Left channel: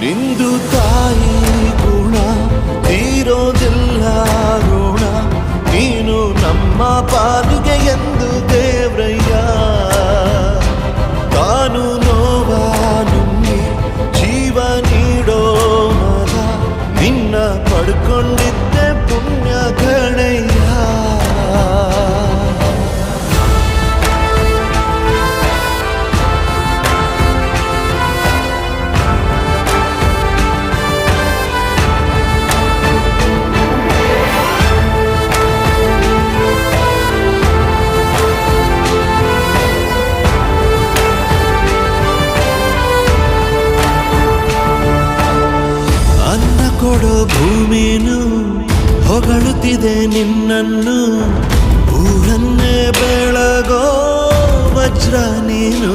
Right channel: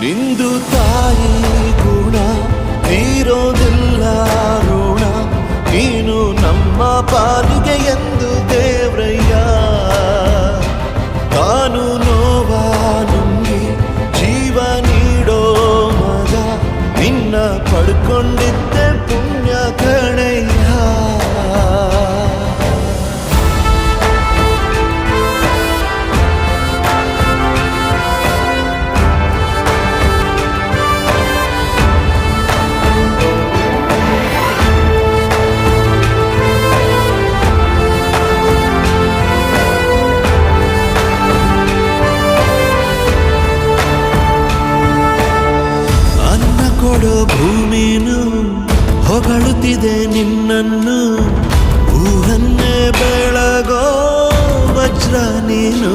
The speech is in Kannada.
ನಿಂದು ತಾಯಿ ಗುಣ ತೀರೋದಿಲ್ಲ ಋಣ, ನೀನು ನಮ್ಮ ಪಾಲಿಗೆ ಎಂದು ದೇವ್ರಯ್ಯ. ತಾನು ನೋವಾ ನುಂಗಿ ಜೀವ ನೀಡೋ ಮಗ, ನಿನ್ನ ಪಡ್ಕೊಂಡಿದ್ದೆ ಪುಣ್ಯ ಗಣಯ್ಯ. ಅನ್ನ ಕೊಡೋ ಭೂಮಿನು ಹೊಗಳುತ್ತಿದೆ ನಿನ್ನನ್ನು, ಊರನ್ನೇ ಬೆಳಗೋ ವಜ್ರ ನೀನು.